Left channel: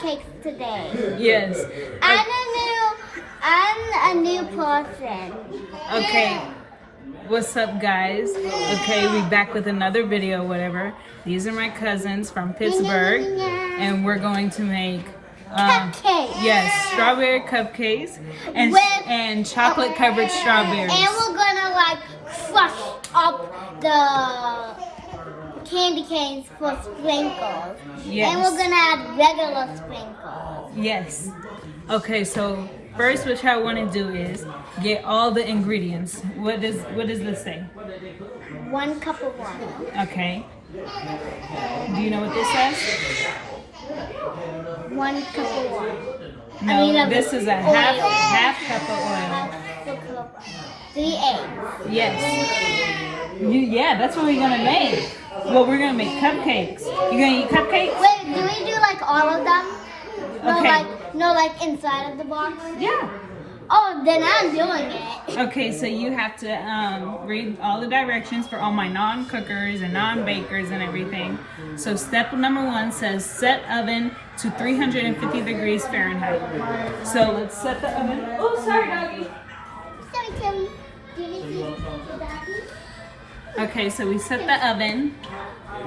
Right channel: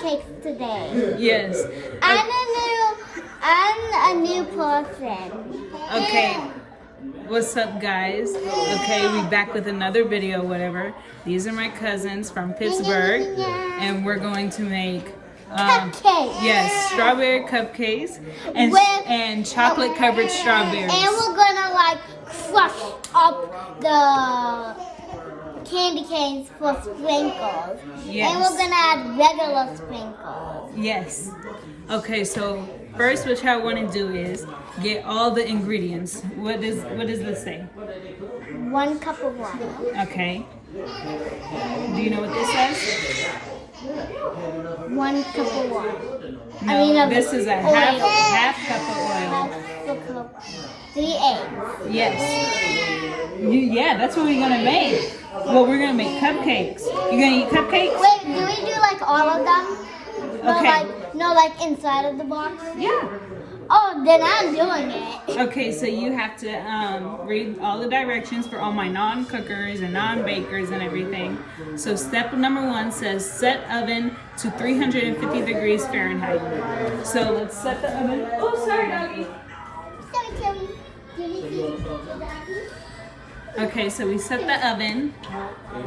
cupcakes today. Yes. I'm a new person. Okay. What's up, guys? Okay, we back with another video, whatever. These are my cousins from Pittsburgh, and we're going to make Cupcakes. yes, strawberry cupcakes and chocolate covered strawberries. And we're gonna like crush up the candy canes for sprinkles. Yes. And we're gonna add regular sprinkles. Yes. Okay, so first what y'all want to do is get all the ingredients. What does this say? 1 cup of water. Okay. Do you know what this says? 1 cup of water. No, this is a half cup of oil. 3 eggs. Yes. Yeah, that's what we're gonna make. Well, we're gonna make cupcakes. You gonna eat cupcakes? Wait, do we do like all of them? Okay. No, like inside of the box? Yeah. Oh, then I'm doing it. Okay, so you have to read all the directions for all my non-cookers and non-bakers and everything. So step number 1 says set oven to 350 degrees Fahrenheit. So let's set the oven. Oh, sorry, doggy. Sorry, Kelly. Do you need to Daddy? Okay, so we set the oven,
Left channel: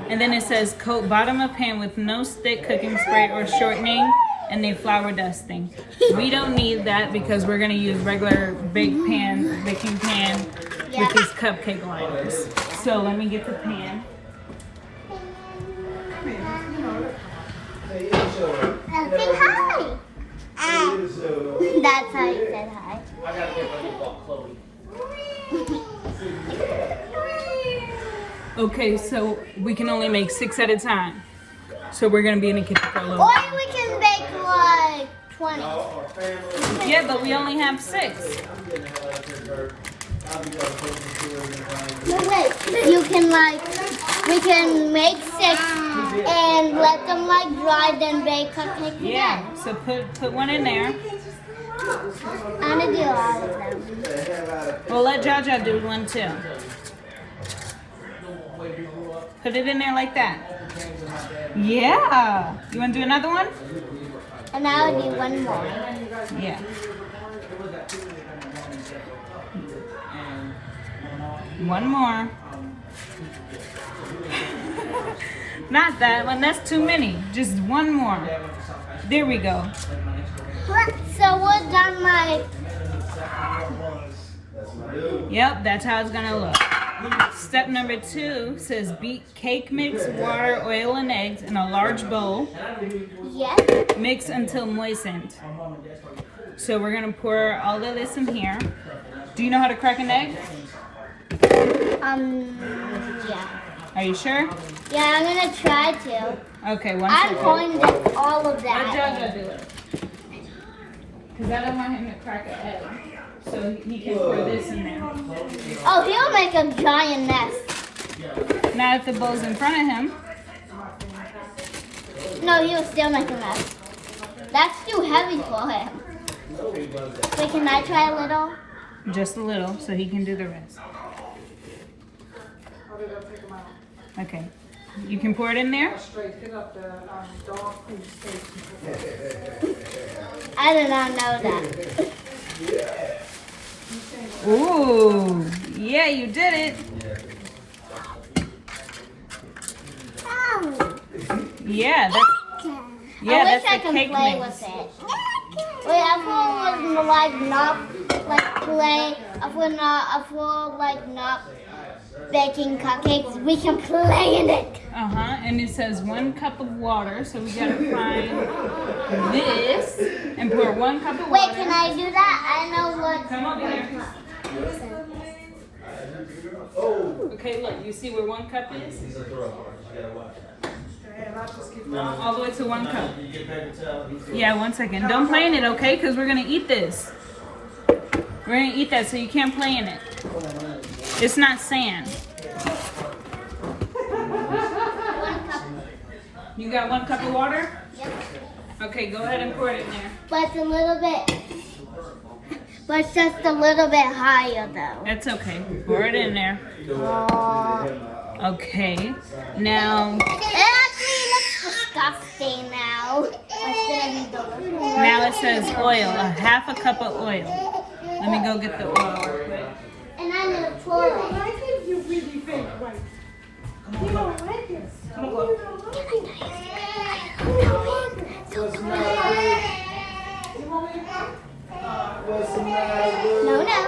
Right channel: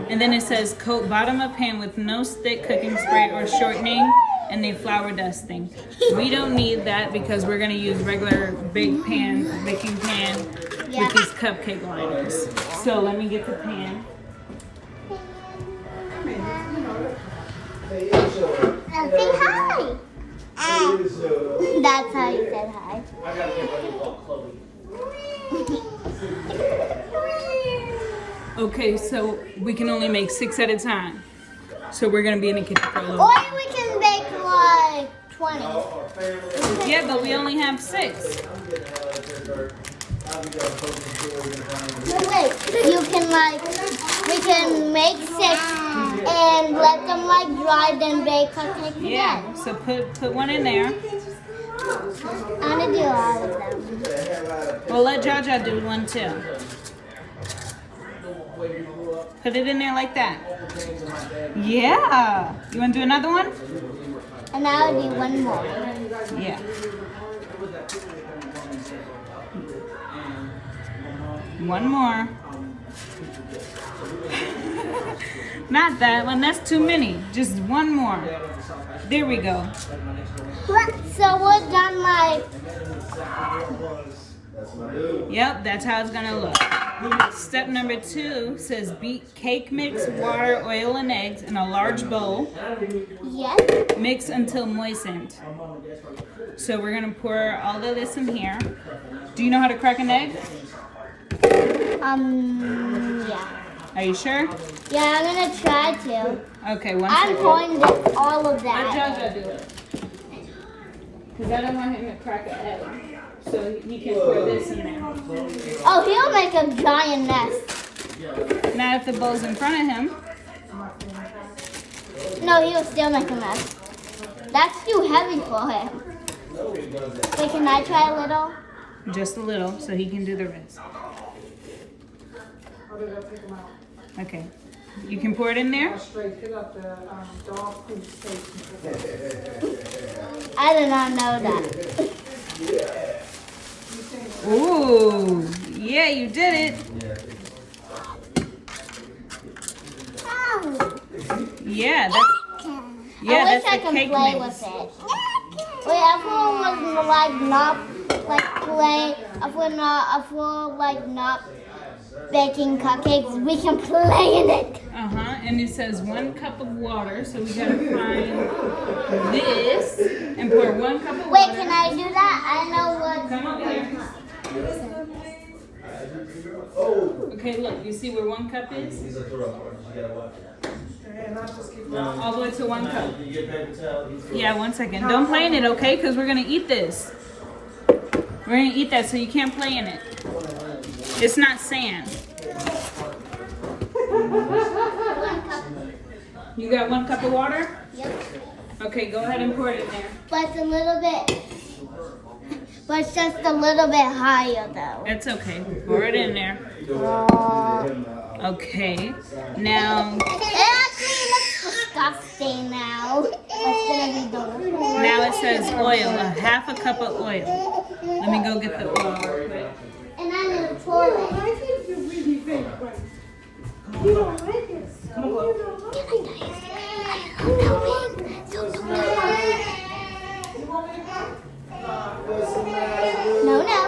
and then it says coat bottom of pan with no stick cooking spray or shortening, and then flour dusting. We don't need that because we're gonna use regular baking pan with these cupcake liners. So let me get the pan. Say hi. That's how you said hi. Okay, so we can only make 6 at a time. So we're gonna be in the kitchen for a little Or while. we can bake like 20. Yeah, but we only have 6. No, wait. You can we can make 6 and let them dry, then bake cupcakes Yeah, again. so put one in there. I'm gonna do all of them. We'll let Jaja do one too. Put it in there like that. Yeah. You want to do another one? And I'll do one more. Yeah. One more. Not that one. That's too many. Just one more. There we go. So we're done Yep, that's how it's going to look. Step number 2 says beat cake mix, water, oil, and eggs in a large bowl. Yes. Mix until moistened. So we're going to pour all of this in here. Do you know how to crack an egg? Yeah. Are you sure? Yeah, I'm gonna try to. Okay, one I'm second. pouring all of Let that. Jojo do it. Because I don't want him to crack an egg. So he can pour this in there. Oh, he'll make a giant nest. Not if the bowl's in front of him. No, he'll still make a mess. That's too heavy for him. Wait, can I try a little? Just a little, so he can do the rest. Okay. You can pour it in there? I did not know that. Ooh. Yeah, you did it. Oh. Yeah, that's I the wish I cake can play mix. with it. Wait, everyone was not play. If we're not baking cupcakes, we can play in it. And it says 1 cup of water, so we gotta find this and pour 1 cup of water. Wait, can I do that? I know what. Come over here. Okay, look, you see where 1 cup is? All the way to 1 cup. Yeah, 1 second. Don't play in it, okay? Because we're gonna eat this. We're gonna eat that, so you can't play in it. It's not sand. 1 cup. You got 1 cup of water? Yep. Okay, go ahead and pour it in there. But it's a little bit. But it's just a little bit higher though. That's okay. Pour it in there. Oh. Okay. Now, It actually looks disgusting now. That's gonna be delicious. Now it says oil, a half a cup of oil. Let me go get the oil real quick. And I'm gonna pour it. No, no.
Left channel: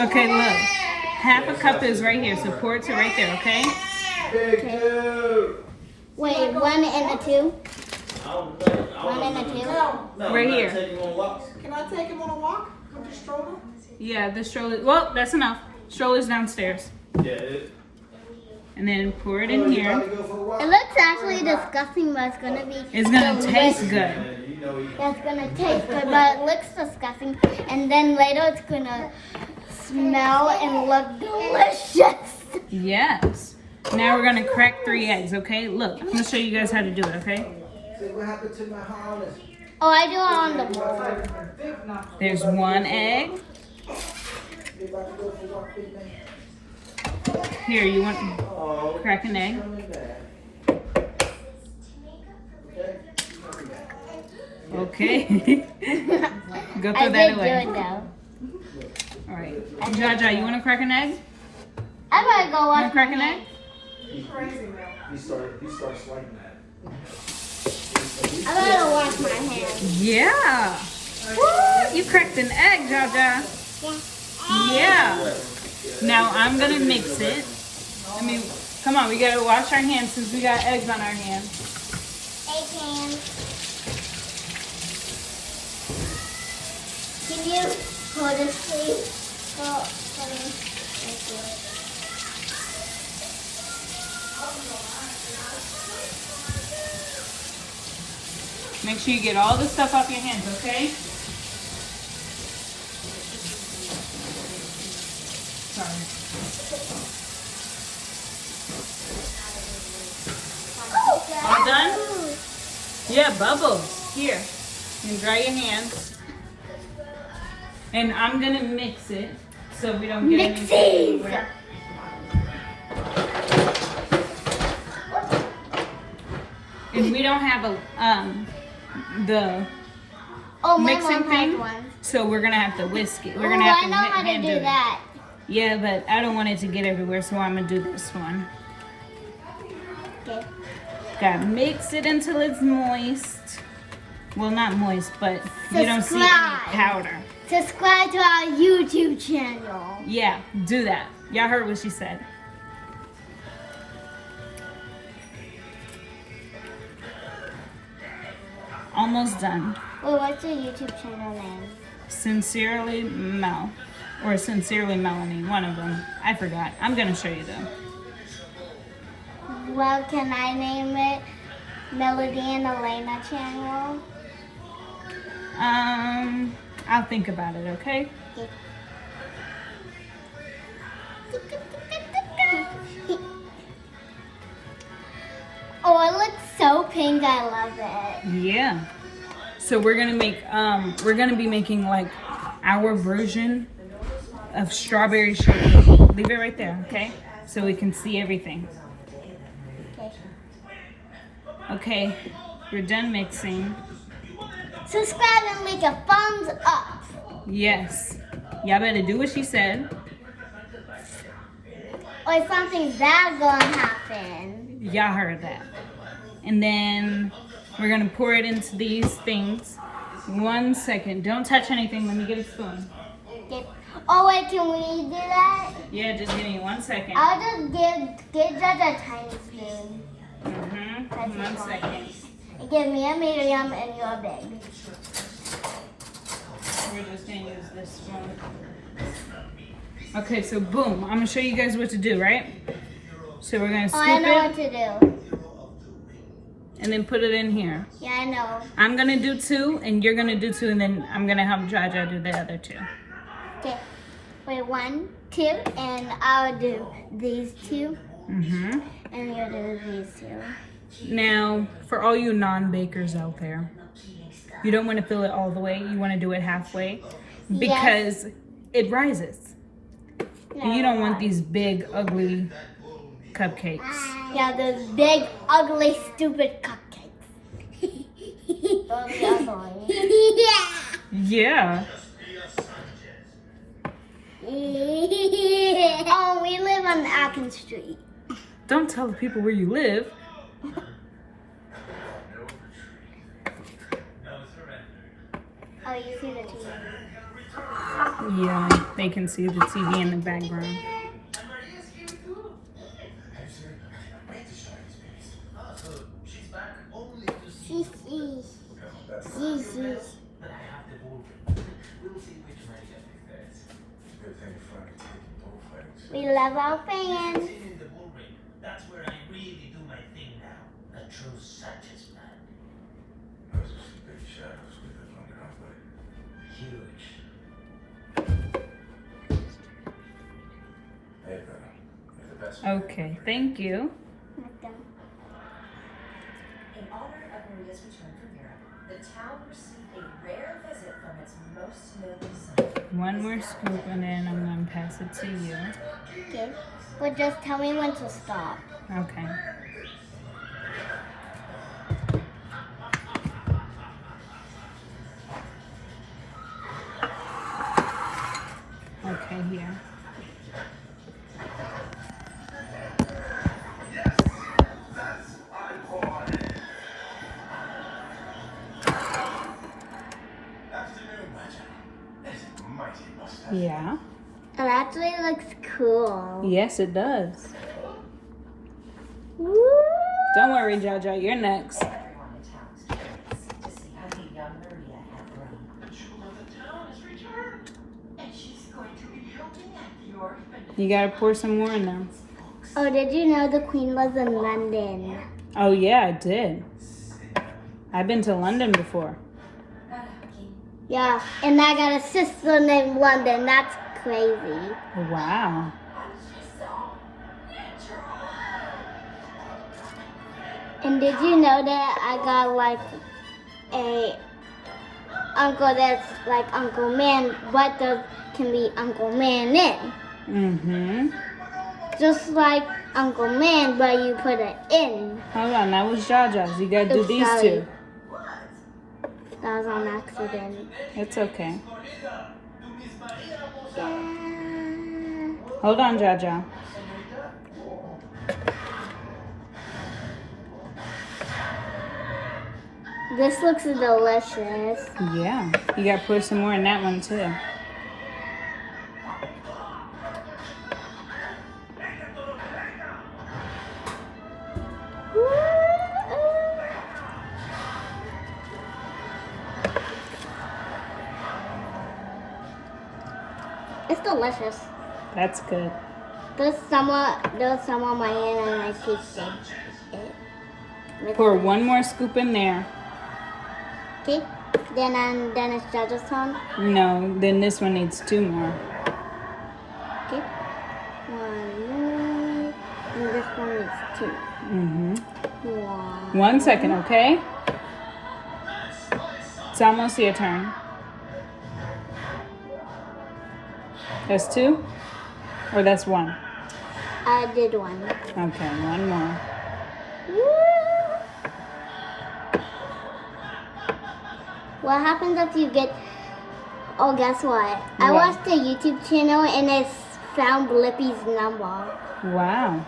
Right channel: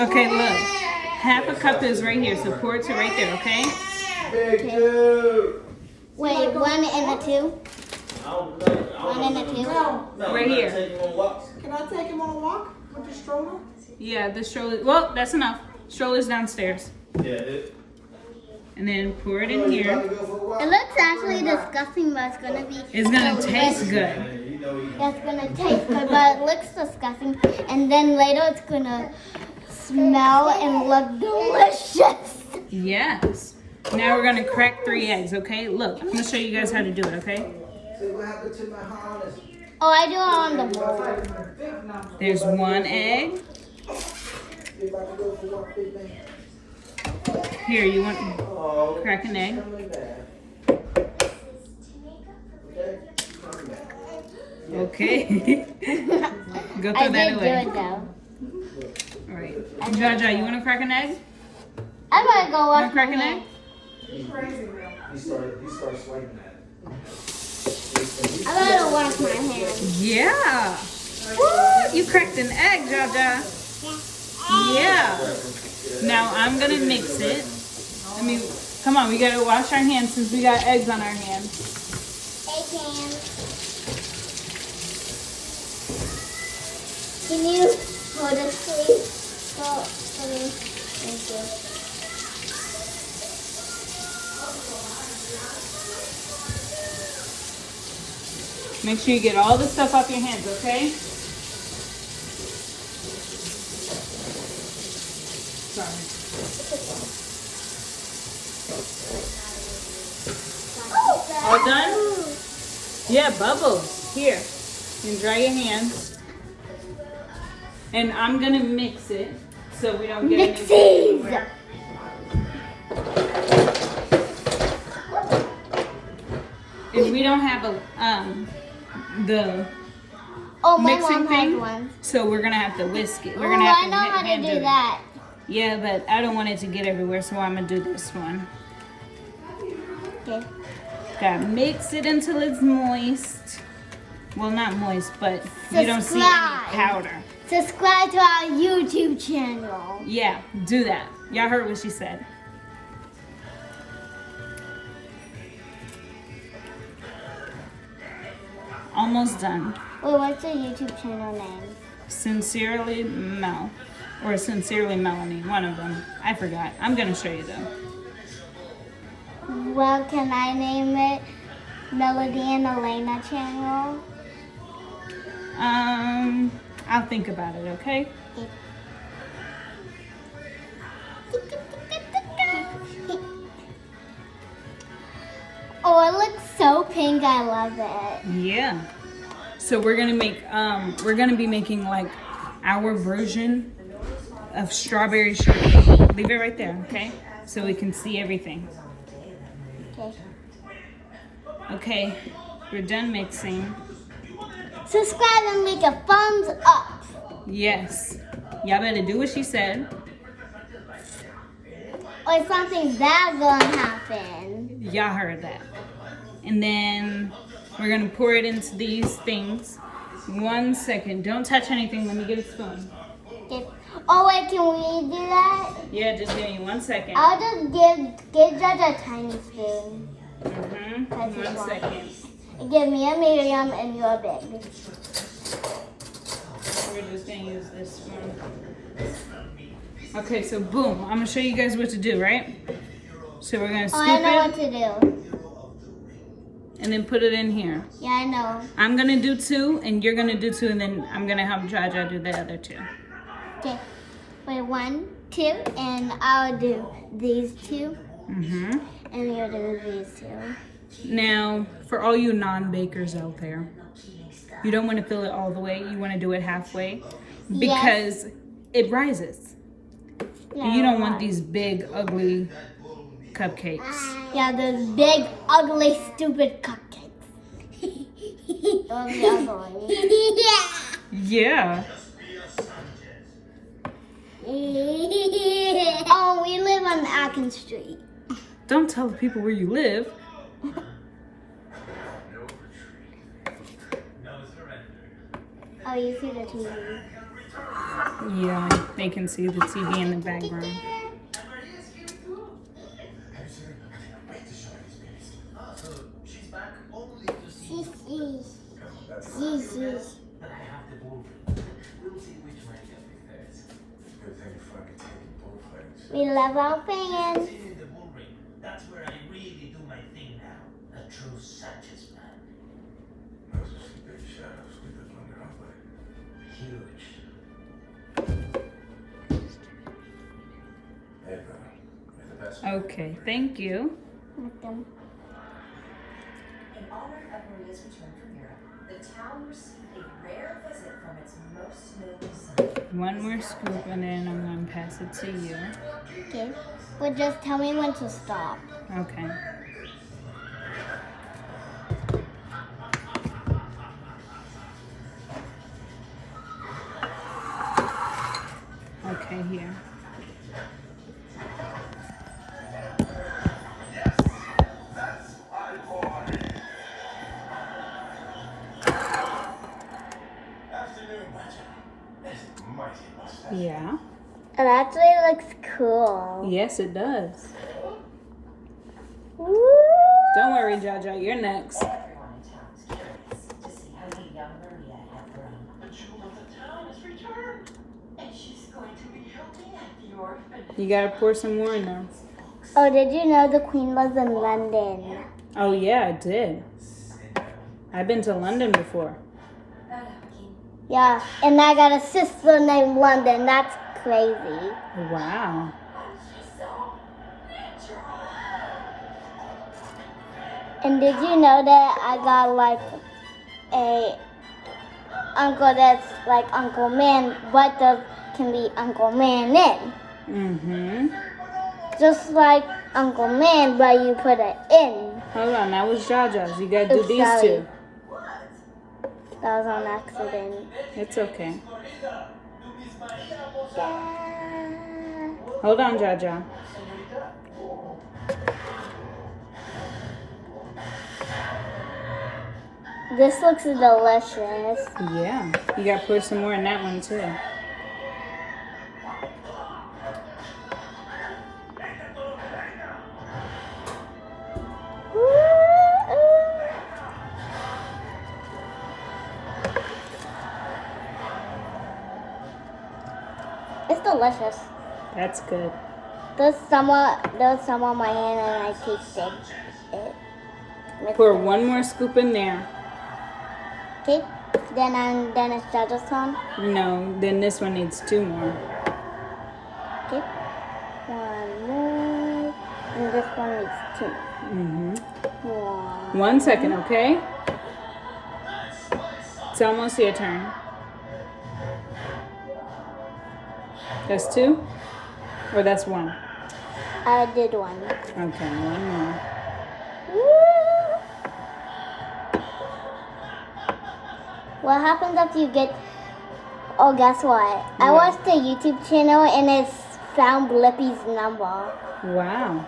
Okay, look. Half a cup is right here, so pour it to right there, okay? Wait, 1 and a 2? 1 and a 2? Right here. Can I take him on a walk with the stroller? Yeah, the stroller. Well, that's enough. Stroller's downstairs. And then pour it in here. It looks actually disgusting, but it's gonna be. It's gonna taste good. Yeah, it's gonna taste good, but it looks disgusting. And then later it's gonna smell and look delicious. Yes. Now we're gonna crack 3 eggs, okay? Look, I'm gonna show you guys how to do it, okay? Oh, I do it on the board. There's 1 egg. Here, you want to crack an egg? Okay. Go throw that away. I did do it though. All right. Jaja, you want to crack an egg? I'm gonna go You want watch to crack an egg? He started swiping at I'm gonna wash my hands. Yeah. Woo, you cracked an egg, Jaja. Yeah. Now I'm gonna mix it. I mean, come on, we gotta wash our hands since we got eggs on our hands. Egg hands. Can you hold this, please? Oh, thank you. Make sure you get all the stuff off your hands, okay? Sorry. All done? Yeah, bubbles. Here. You can dry your hands. And I'm gonna mix it so we don't get any. Mixies! If we don't have a the Oh, my mixing mom has thing, one. so we're gonna have to whisk it. We're Ooh, gonna I have to know how to hand do it. that. Yeah, but I don't want it to get everywhere, so I'm gonna do this one. Okay. Gotta mix it until it's moist. Well, not moist, but you don't see any Subscribe. powder. Subscribe to our YouTube channel. Yeah, do that. Y'all heard what she said. Almost done. Wait, what's the YouTube channel name? Sincerely Mel. Or Sincerely Melanie, one of them. I forgot. I'm gonna show you though. Well, can I name it Melody and Elena channel? I'll think about it, okay? Oh, it looks so pink. I love it. Yeah. So we're gonna make be making like our version of strawberry shortcake. Leave it right there, okay? So we can see everything. Okay. Okay, we're done mixing. Subscribe and make a thumbs up. Yes. Y'all better do what she said. Or something bad gonna happen. Y'all heard that. And then we're gonna pour it into these things. 1 second. Don't touch anything. Let me get a spoon. Okay. Oh wait, can we do that? Yeah, just give me 1 second. I'll just give Judge a tiny spoon. Mm-hmm. 1 second. And give me a medium and you're big. We're just gonna use this one. Okay, so boom. I'm gonna show you guys what to do, right? So we're gonna Oh, I scoop know it what to do. and then put it in here. Yeah, I know. I'm gonna do 2 and you're gonna do 2 and then I'm gonna help Jaja do the other 2. Okay. Wait, 1, 2, and I'll do these 2, Mm-hmm. and you'll do these 2. Now, for all you non-bakers out there, you don't want to fill it all the way. You want to do it halfway because it rises. No, And you don't want these big, ugly cupcakes. Yeah, those big, ugly, stupid cupcakes. Yeah. Oh, we live on Atkins Street. Don't tell the people where you live. Oh, you see the TV. Yeah, they can see the TV in the background. We love our fans. That's where I really do my thing now. The true such man. Huge. Okay, thank you. With them. In honor of Maria's return from Europe, the town received a rare visit from its most noble son. One more scoop and then I'm going to pass it to you. Okay. But just tell me when to stop. Okay. Okay, here. Yeah. It actually looks cool. Yes, it does. Woo! Don't worry, Jaja, you're next. Everyone in town was curious to see how the young Maria had grown. The jewel of the town has returned. And she's going to be helping at the orphanage. You gotta pour some more in there. Oh, did you know the Queen was in London? Oh yeah, I did. I've been to London before. Yeah, and I got a sister named London. That's crazy. Wow. And did you know that I got like a uncle that's like Uncle Man, but there can be Uncle Man in. Mm-hmm. Just like Uncle Man, but you put it in. Hold on, that was Jaja's. You gotta do Oops, these sorry. two. That was on accident. It's okay. Yeah. Hold on, Jaja. This looks delicious. Yeah. You gotta pour some more in that one too. It's delicious. That's good. There was some on my hand and I tasted it. Pour one more scoop in there. Okay, then it's Jaja's turn. No, then this one needs two more. Okay, one more, and this one needs two. Mm-hmm. One. 1 second, okay? It's almost your turn. That's two? Or that's one? I did one. Okay, one more. What happens if you get? Oh, guess what? I What? watched a YouTube channel and it found Blippi's number. Wow.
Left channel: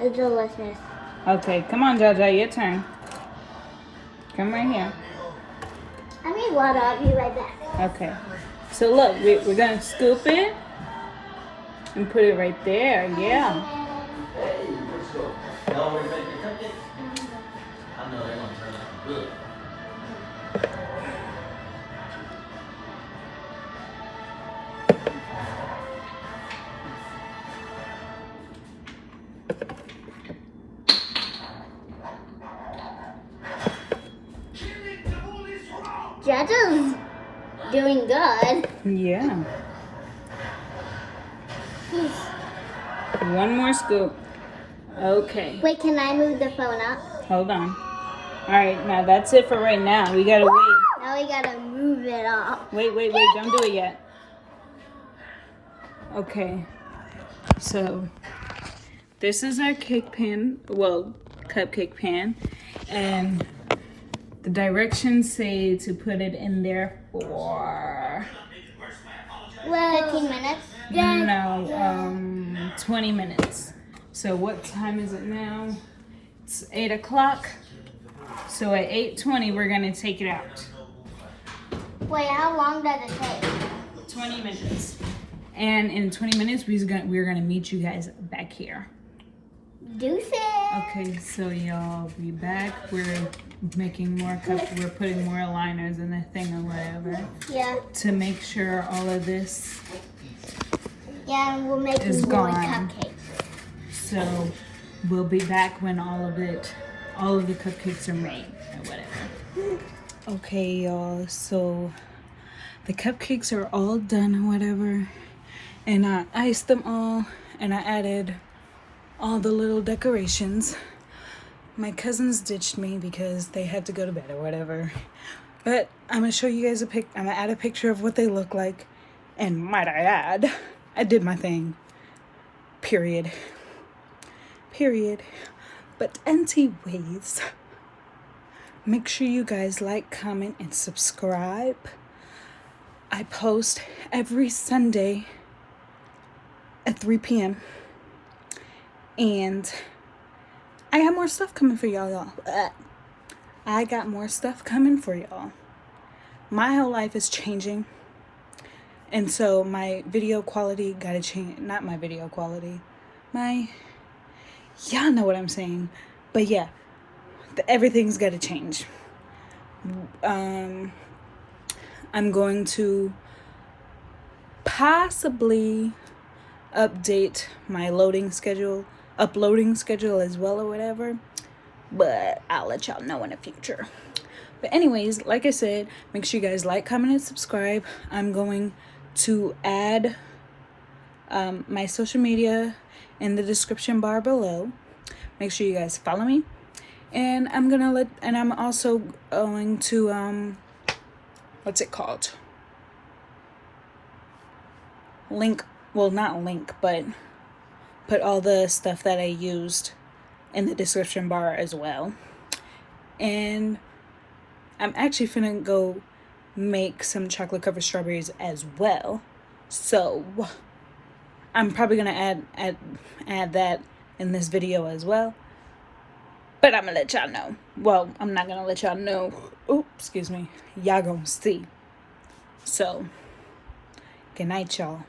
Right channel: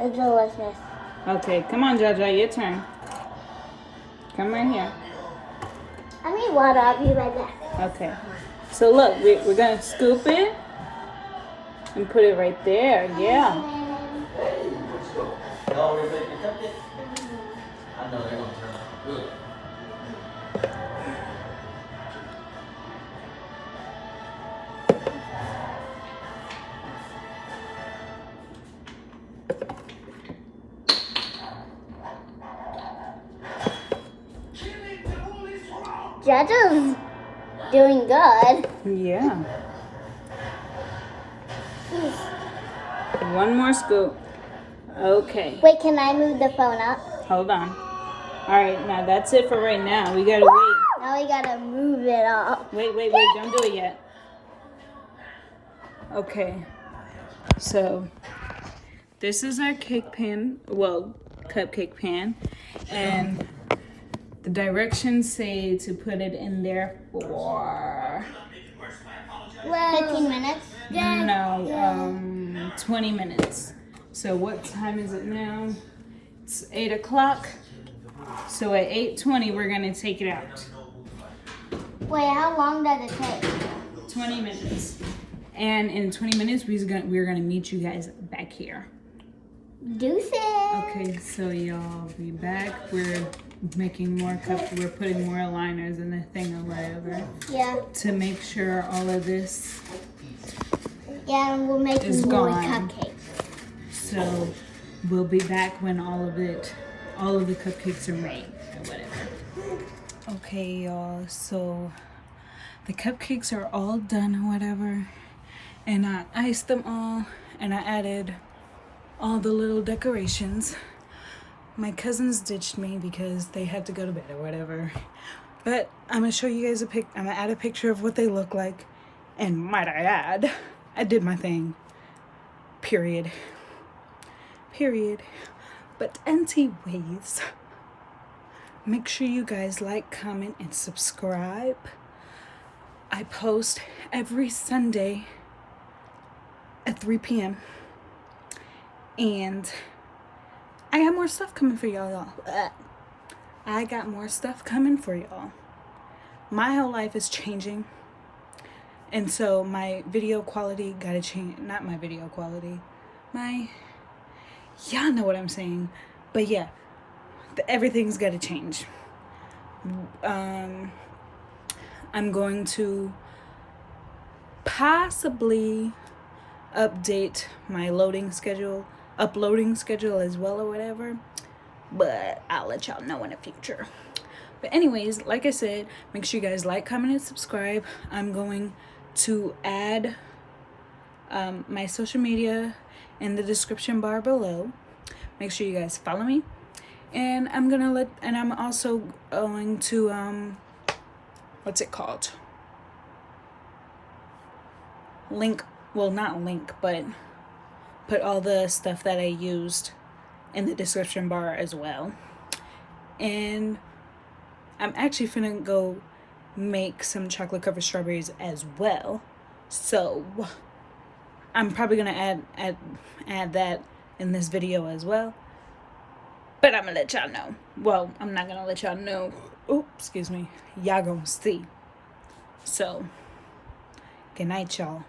It's delicious. Okay, come on, Jaja, your turn. Come right here. I need water. I'll be right back. Okay. So look, we're gonna scoop it and put it right there. Yeah. Hey, let's go. Y'all ready to make the cupcakes? I know they're gonna turn out good. Jaja's doing good. Yeah. One more scoop. Okay. Wait, can I move the phone up? Hold on. All right, now that's it for right now. We gotta wait. Now we gotta move it up. Wait. Don't do it yet. Okay. So this is our cake pan, well, cupcake pan, and the directions say to put it in there for 15 minutes. no, 20 minutes. So what time is it now? It's 8 o'clock. So at 8:20 we're gonna take it out. Wait, how long does it take? 20 minutes. And in 20 minutes we're gonna meet you guys back here. Deuces. Okay, so y'all be back. We're making more cups. We're putting more liners in the thing or whatever Yeah. to make sure all of this. Yeah, and we're making It's more gone. cupcakes. So we'll be back when all of the cupcakes are made or whatever. Okay, y'all. So the cupcakes are all done or whatever, and I iced them all, and I added all the little decorations. My cousins ditched me because they had to go to bed or whatever. But I'm gonna show you guys I'm gonna add a picture of what they look like. And might I add, I did my thing. Period. But anyways, make sure you guys like, comment, and subscribe. I post every Sunday at 3 p.m. And I got more stuff coming for y'all. I got more stuff coming for y'all. My whole life is changing. And so my video quality gotta change. Not my video quality. Y'all know what I'm saying. But yeah, everything's gotta change. I'm going to possibly update my uploading schedule as well or whatever, but I'll let y'all know in the future. But anyways, like I said, make sure you guys like, comment, and subscribe. I'm going to add my social media in the description bar below. Make sure you guys follow me, and I'm also going to what's it called, not link, but put all the stuff that I used in the description bar as well. And I'm actually finna go make some chocolate covered strawberries as well. So I'm probably gonna add that in this video as well. But I'm gonna let y'all know. Well, I'm not gonna let y'all know. Oh, excuse me. Y'all gonna see. So, good night, y'all.